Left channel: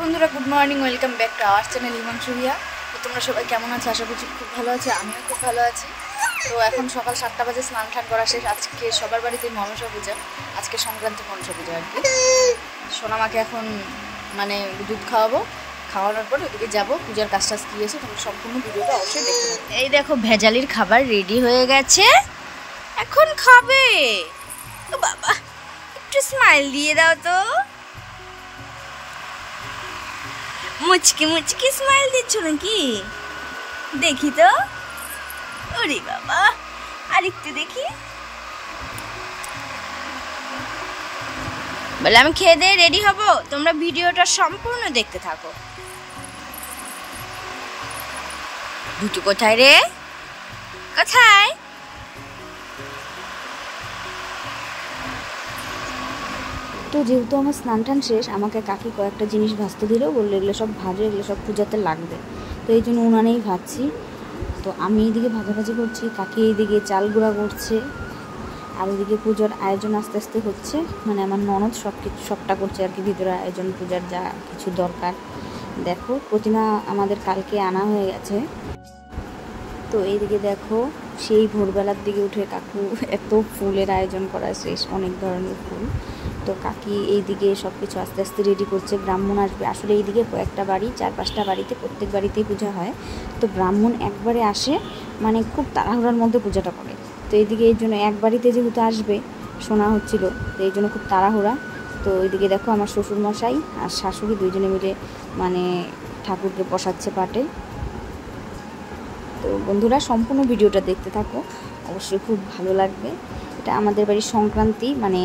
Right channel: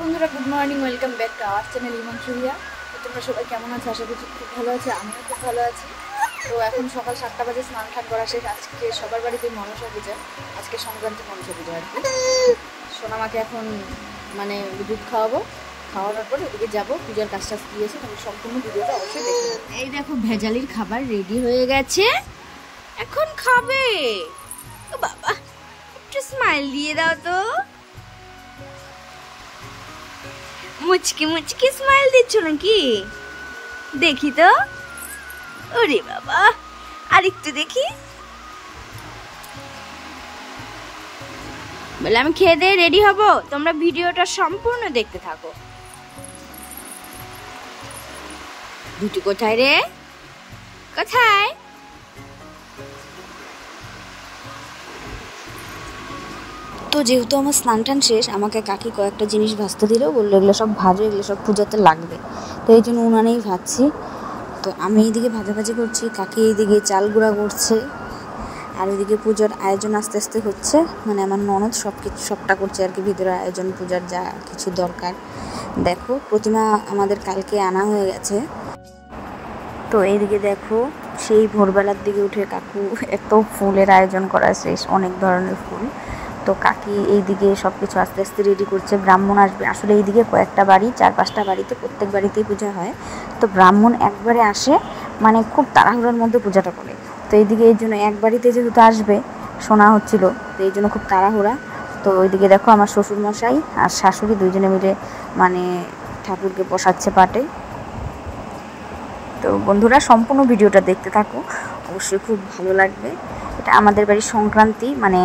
বন্ধুরা good morning, welcome back to our channel Himanshu Riya. তো তোমরা সবাই কেমন আছো? আশা করছি খুব ভালো আছে, আমিও খুব ভালো আছি। তো এখন সকাল 7টা বাজে, স্নান টান করা শেষ। আজকে সবার বাড়িতে মনসা পূজা, আজকে সংক্রান্তি মনসা পূজা আর কি। সোনামাকে এখন মানে দুধ খাওয়াবো, খাওয়ানোর পর ওদিকে যাবো, পূজার কাজ টাজ কী আছে তোমরা সম্পূর্ণ ভিডিওটা অবশ্যই দেখতে পাবো। এই দেখো ভেজালির খাবার রেডি হয়ে গেছে, এখন খাবে। ও বাবা, একটু স্মাইল দিয়ে দাও তো। মুচকি মুচকি স্মাইল দিচ্ছ নাকি? দেখি তো। ওরে বাবা, আর একটু দেখি। বলে আমি খেয়ে দিয়ে রেডি হব, তোমরা ভিডিওটা সম্পূর্ণ দেখতে থাকো। দুটো কোথায় রে? কোথায়? তো যেহেতু আমার স্নান টান শেষ, আমাকে কাকি কয়েকটা জিনিস ভাজতে দিল, বললো এগুলো সব ভাজো, এগুলো সব পূজাতে লাগবে। তো এই জন্য উনানেই ভাজছি। তো আমি এইদিকে ভাজাভাজি করছি, কাকি এইদিকে চাল গুঁড়া করছে, আর ওইদিকে পুজোর আয়োজন আস্তে আস্তে হচ্ছে। মানে আমার ননদ সবটা করছে আর কি, ভিতরে আয়োজন, পূজার যা কিছু দরকার। দেখো প্রতিমা আমাদের কালকে আনা হয়ে গেছে। তো এইদিকে দেখো সেই ভোরবেলার দিকে উঠে কাকু এত ফুলের আয়োজন করা শেষ, অনেক ধরনের ফুল। তো কাকি এইদিকে সব কিছু আস্তে আস্তে রেডি করছে। ব্রাহ্মণ আসবে, আসলে এইদিকে কয়েকটা বাড়ি, 4-5টা বাড়িতে, প্রত্যেক বাড়িতেই পূজা হয়। তো ব্রাহ্মণ একবারে আসে, মানে খুব তাড়াহুড়োর মধ্যে পূজাটা করে। তো এইদিকে এই জন্য এক বাড়িতে যেহেতু আসবে শোনা হচ্ছিল, তো এই জন্য খুব তাড়াহুড়া। তো ওইদিকে দেখো আমার শ্বশুরমশাই আর শাশুড়ি দুইজনে মিলে মানে ঠাকুরকে বসাচ্ছে পাটে। তো বন্ধুরা সম্পূর্ণ ভিডিওটা দেখতে থাকো, অবশ্যই খুব ভালো লাগবে। এটা আমাদের বাড়ির সংক্রান্তি, মানে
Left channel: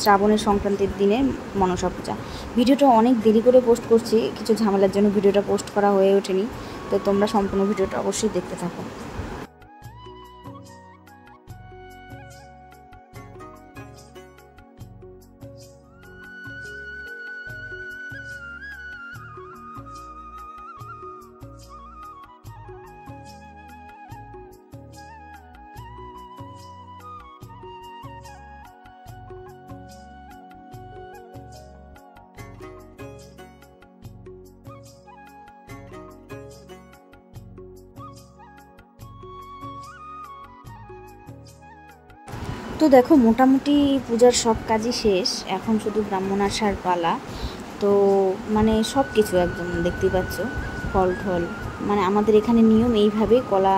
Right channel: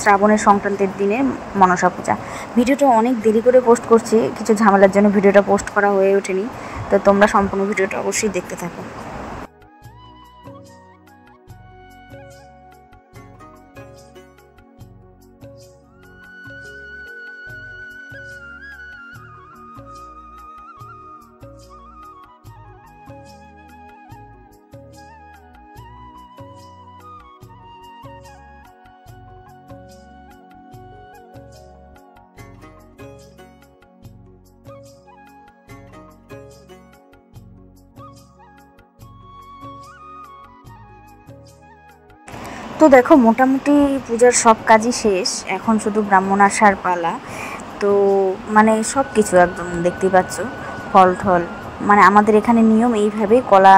শ্রাবণের সংক্রান্তির দিনে মনসা পূজা। ভিডিওটা অনেক দেরি করে পোস্ট করছি, কিছু ঝামেলার জন্য ভিডিওটা পোস্ট করা হয়ে ওঠেনি। তো তোমরা সম্পূর্ণ ভিডিওটা অবশ্যই দেখতে থাকো। তো দেখো মোটামুটি পূজার সব কাজই শেষ, এখন শুধু ব্রাহ্মণ আসার পালা। তো মানে সব কিছু একদম দেখতেই পাচ্ছ, ফল ঠল, মানে আমাদের এখানে নিয়ম এইভাবে কলা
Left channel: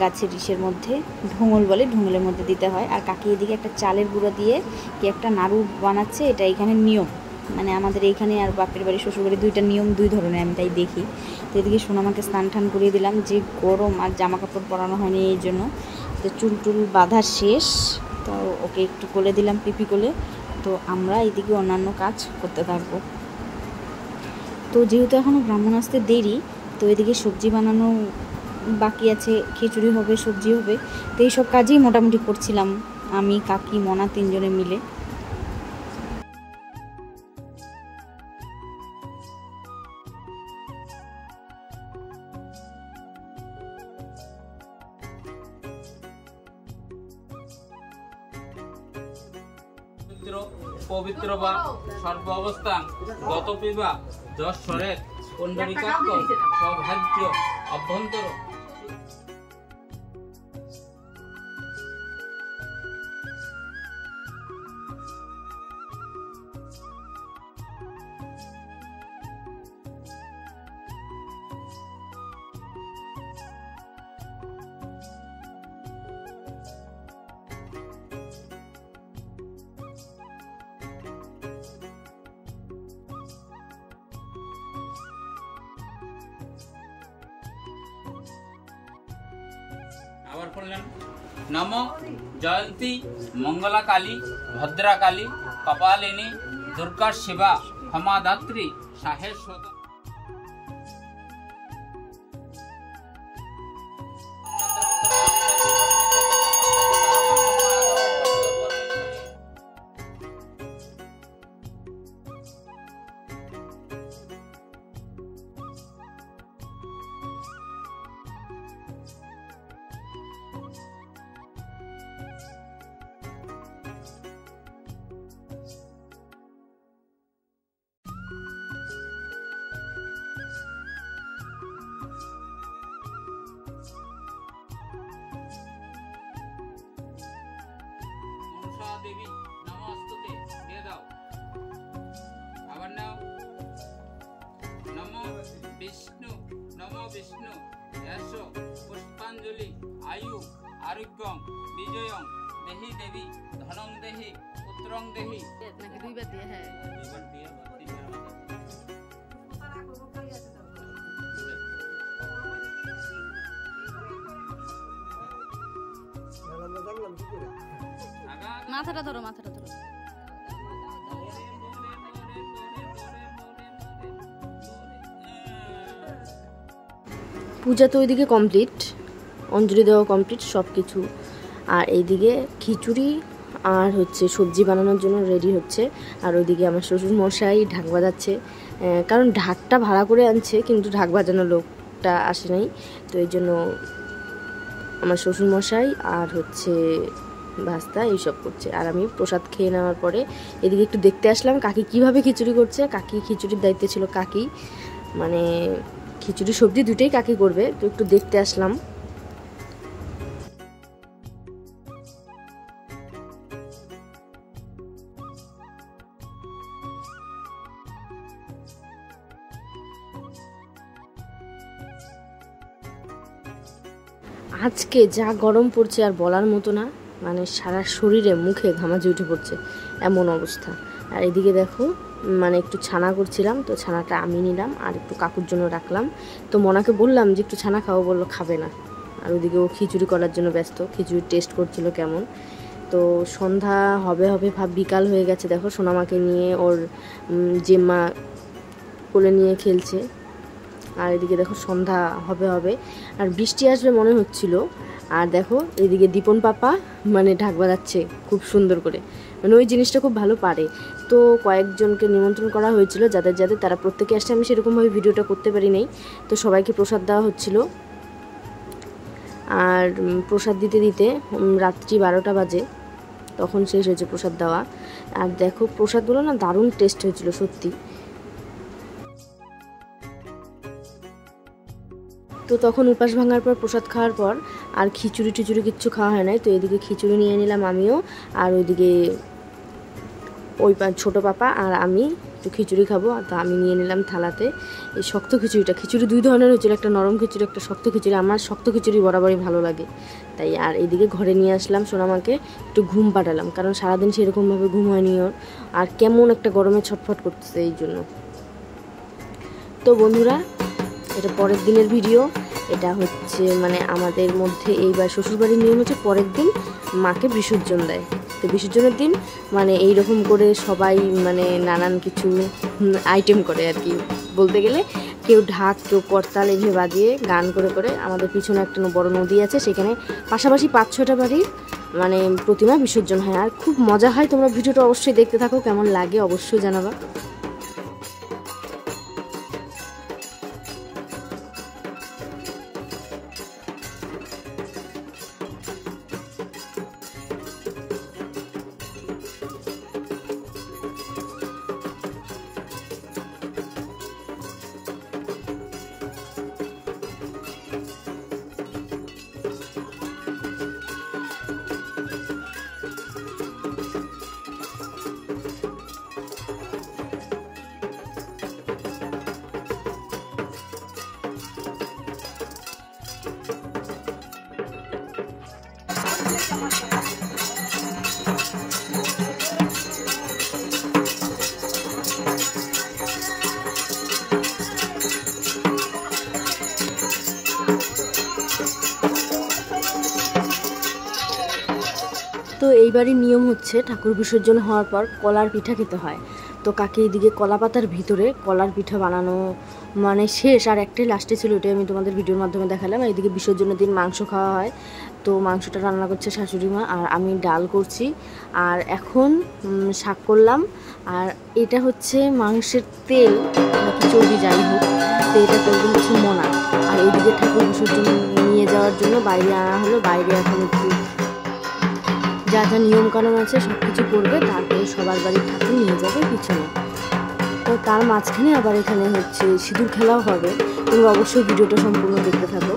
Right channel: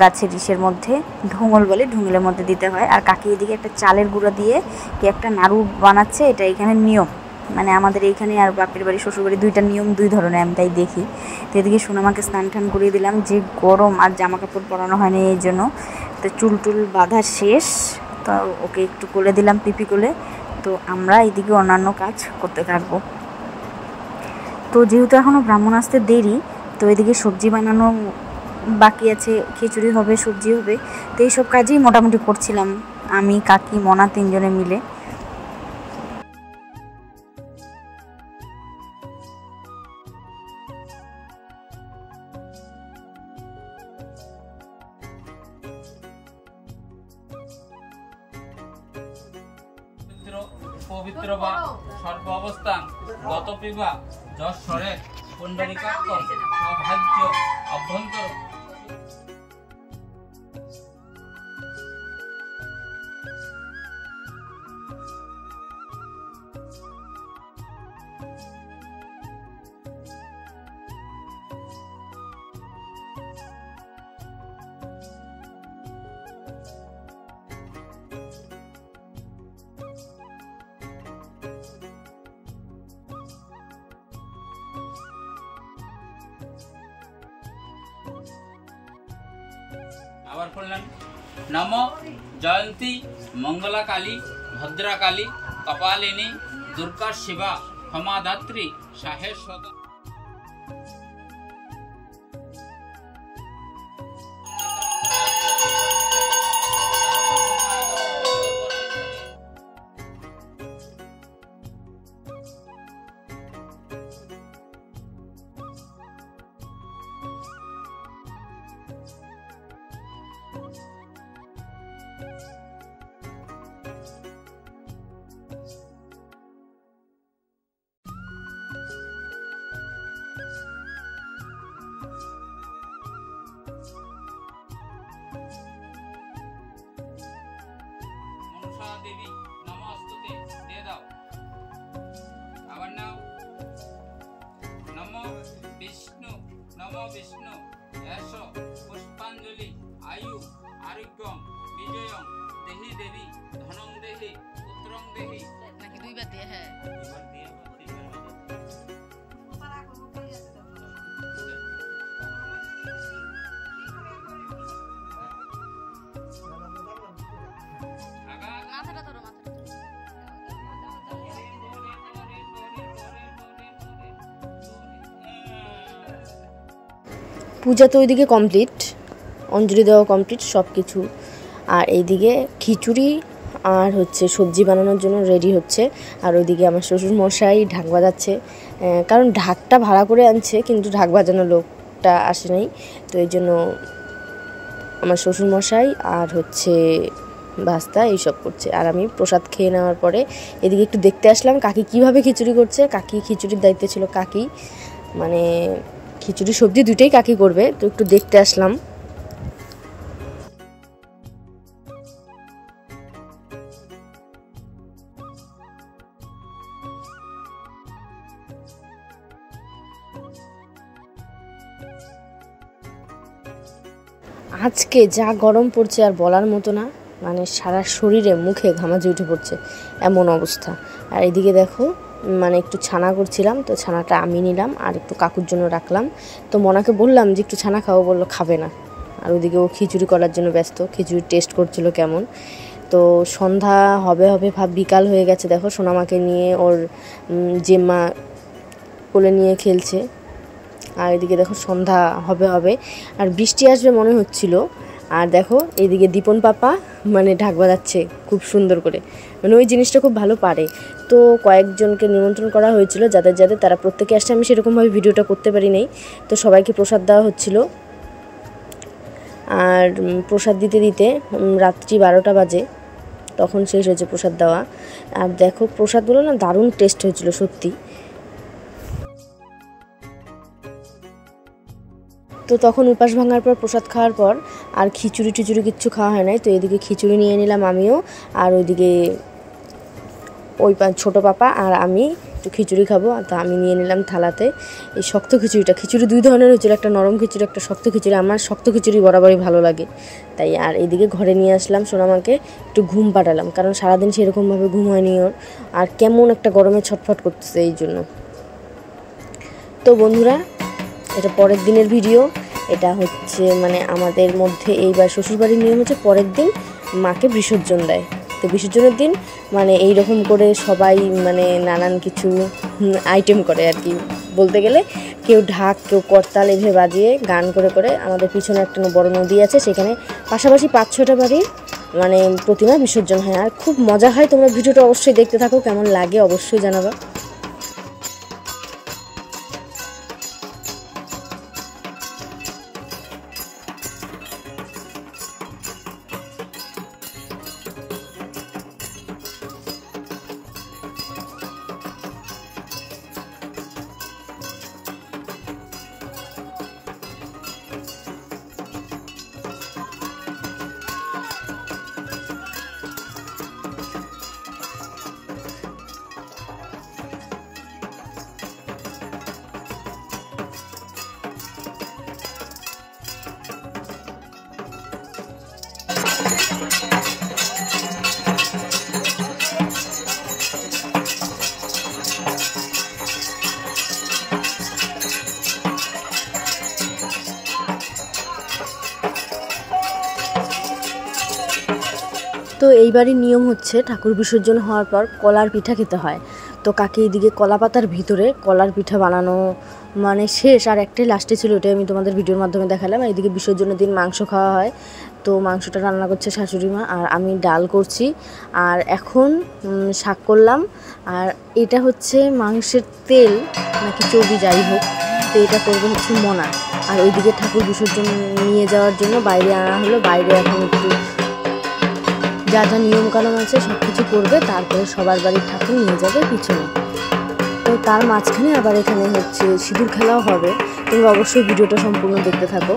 গাছের ইসের মধ্যে ঢোঙল বলে, ঢোঙলের মধ্যে দিতে হয়। আর কাকি এদিকে একটা চালের গুঁড়া দিয়ে কি একটা নাড়ু বানাচ্ছে, এটা এখানে নিয়ম। মানে আমাদের এইখানে আর বাপের বাড়ি শ্বশুরবাড়ি দুইটা নিয়ম, দুই ধরনের, আমি তাই দেখি। তো এদিকে সোনামাকে স্নান টান করিয়ে দিলাম, যে গরম আর জামা কাপড় পরানো হয়নি এই জন্য। তো চুল টুল বাঁধা শেষ, তো ওকে একটু কোলে দিলাম, পিপি কোলে। তো আমরা এইদিকে অন্যান্য কাজ করতে থাকবো। তো যেহেতু এখনও ব্রাহ্মণ আসতে দেরি, তো এদিকে সবজি বানানো বাকি আছে, খিচুড়ি হবে, সবজি হবে। তো এইসব কাজই মোটামুটি করছিলাম আমি, কাকি, মনা তিনজনে মিলে। পবিত্র বা সর্ব অবস্থান গত পিবা যশ সরে পুণ্ডরিকাক্ষ সৌভাগ্য অভ্যন্তর। আবার পড়লেন নম জয়ন্তী মঙ্গলা কালী ভদ্রা কালী কপালিনী দুর্গা শিবা ক্ষমাদাত্রী সাহেশ্বতা। বিষ্ণু এষ পুষ্পাঞ্জলি আয়ু আরোগ্যম বিজয়ং দেহি দেবী ধনং দেহি পুত্রং দেহি। নাকি দুইবার দিয়ে? হ্যাঁ, মাথাটা ধরো, মাথাটা ধরো। পূজা তো ওইদিকে কমপ্লিট, অঞ্জলি দেওয়া কমপ্লিট সব কিছু। আর এইদিকে খিচুড়ি আর হচ্ছে সবজি বানানোর জন্য রেডি হচ্ছে। আর ওইদিকে আমার শ্বশুর মশাই ঢাক বাজাচ্ছে, কারণ ঢাকটা ভাড়া করে আনছে কিন্তু ঢাক বাজানোর লোকটা আসে নাই, তো এই জন্য আমার শ্বশুর মশাই আর হচ্ছে ভাস্তা এইসব করছে। আর আমি প্রসাদ খেয়ে নেওয়ার পরে এদিকে একটু দেখতে আসলাম কাকি কিভাবে খিচুড়ি করছে। কাকি খিচুড়ির দায়িত্বে ছিল কাকি, মানে খিচুড়ি সবজি দুটোই কাকি করবে, তো একটু দেখতে আসলাম। আজকে যা গরম পড়ছে আর বলার মতো না, মানে সারা শরীরে মুখে ঘামাচি উঠে পড়ছে এমন অবস্থা। আর এদিকে দেখো মানে একটু ছানা করছিলাম, তো ছানাটা আমি নিলাম আর একটু কাকুর জন্য রাখলাম। তো মনাকে বললাম যে একটু ছানা খাও, বললো খাবে না। আর ওইদিকে ও খিচুড়ি করার জন্য ব্যস্ত, খিচুড়ি টেস্ট করছিল কেমন। তো সন্ধ্যা হবে হবে ভাব বিকাল হয়ে গেছে। দেখো সোনামাকে নিয়ে ওর জেম্মা কোলে নিয়ে খেলছে। আর এদিকে দেখো সন্ধ্যা হবে হবে আর বৃষ্টি আসবে মনে হচ্ছিল। আর দেখো এইদিকে দীপন পাপা মানে ঢাক বাজাচ্ছে খুব সুন্দর করে, মানে ওই জিনিসটা খুব ভালো পারে। তো কয়েকজনকে নিমন্ত্রণ করা হয়েছিল, যাদের যাদের তারা প্রত্যেকে আসছে। আমি সেরকমভাবে ভিডিওটা করতে পারি নাই, তো সবাইকে প্রসাদ দেওয়া হচ্ছিল। আর প্রসাদ দিতে দিতে রাত্রি 12টা বাজে, তখন শেষ হয়েছে প্রসাদ দেওয়া। আর দেখো প্রসাদগুলো না দারুণ টেস্ট হয়েছিল সত্যি। তো তখন উপাস ভাঙার পর প্রসাদ খাওয়ার পর আর খিচুড়ি টিচুড়ি কিচ্ছু খাওয়া হয় নাই। তো এদিকে খিচুড়ি নিয়ে নিলাম আমিও, আর ওইদিকে ওই ছোটো পাপা আর আমি একটু খিচুড়ি খাবো, তো আমি নিয়ে নিলাম থালাতে এই শক্ত খিচুড়িটা। খিচুড়ি দুই ধরনের হয়েছিল, একটা নরম খিচুড়ি একটা শক্ত খিচুড়ি। আমার শক্ত খিচুড়ি বরাবরই ভালো লাগে তাই। আর এইদিকে ঘরে নিয়ে আসলাম সোনামাকে, একটু ঘুম পাঠালাম, কারণ সারাদিন সেরকমভাবে ঘুম হয়নি ওর, আর কেমন একটা গরমে ছটফট করতেছে এই জন্য। তো বন্ধুরা, এটা পরের দিনের ভিডিও। এটা হচ্ছে মানে আমাদের মধ্যে এইবার শ্বশুরবাড়ির নিয়ম হচ্ছে পরের দিন মাকে বিসর্জন দেয়। তো বিসর্জনের দিন মানে এই রকম করে সবাই মানে নানান কিছু আইটেম করে আর কি, বলতে গেলে কেউ ঢাক কেউ করতাল এভাবে বাজিয়ে গান করে করে। আমাদের পিছনে একটা বড় নদী আছে, সেখানে পাশাপাশি 5-6টা বাড়ির মানে প্রতিমা বিসর্জন হয়, আর খুব মজা হয়। তোমরা ভিডিওটা অবশ্যই দেখতে থাকো, কেমন লাগে অবশ্যই জানাবা। তো এইবারই নিয়ম হচ্ছে ঠাকুর বিসর্জন হওয়ার পর কলার পিঠা খেতে হয়। তো কাকে এদিকে কলা পাতার ভিতরে কলার পিঠা বানানো মানে শেষ, আর একটাই লাস্টে ছিল, ওটাই আমি তোমাদের ভিডিওর মাধ্যমে দেখালাম। এইদিকে বিসর্জনের দিন মাংস খাওয়া হয়, তো মাংসটা রান্না করছে শাশুড়ি মা, আর আমি ডাল করছি। আর এখন শাক করলাম। আর এটা হচ্ছে মাংসের তেল নাকি চর্বি যাই হোক, তো এটা করবো হচ্ছে মনা। আর ওইদিকে ঠাকুর বিসর্জন নিয়ে যাওয়ার জন্য বাইরে আনা হলো। বাইরে এখন একটু যা যা নিয়মকানুন আছে সব কিছু করবে, তারপরে সবার বাড়ির ঠাকুর নিয়ে যাবে পিছনে। তো তার মাঝখানে আবার এখানে হচ্ছে সিঁদুর খেলাও হবে। তোমরা অবশ্যই ভিডিওটা সম্পূর্ণ দেখতে থাকো।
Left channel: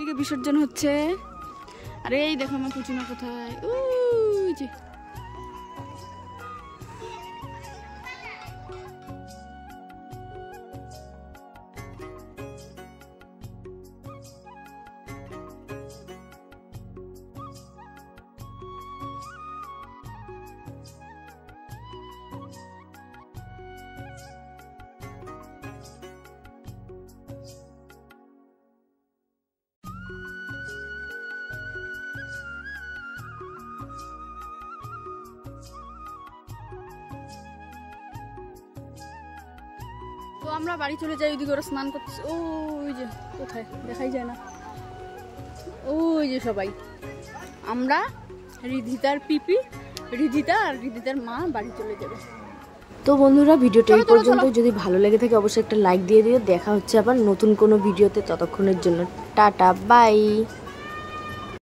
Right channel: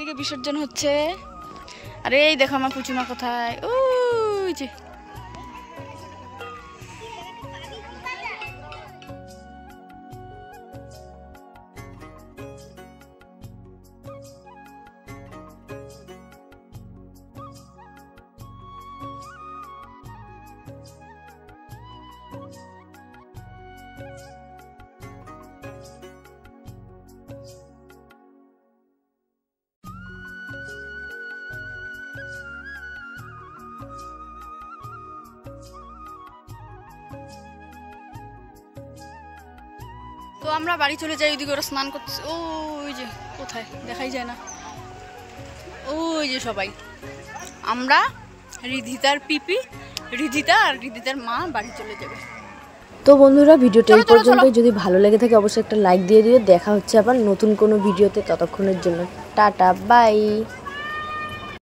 এদিকে বিসর্জন হচ্ছে। আরে এই দেখো আমার পুচুমা কোথায়, ওই যে। তো আমরা বাড়ি চলে যাই, ওইদিকে ওরা স্নান করতেছে, ওই যে কোথায় দেখাই যায় না, ওই যে সবাই। আমরা রিধিতার পিপি, রিধিতা আর রিধিতার মা বাড়ি চলে যাবে। তো বন্ধুরা ভিডিওটা এই পর্যন্ত, যদি ভালো লেগে থাকে অবশ্যই একটা লাইক দিয়ে দিও। দেখা হচ্ছে আবার নতুন কোনো ভিডিওতে, ততক্ষণের জন্য টাটা বাই।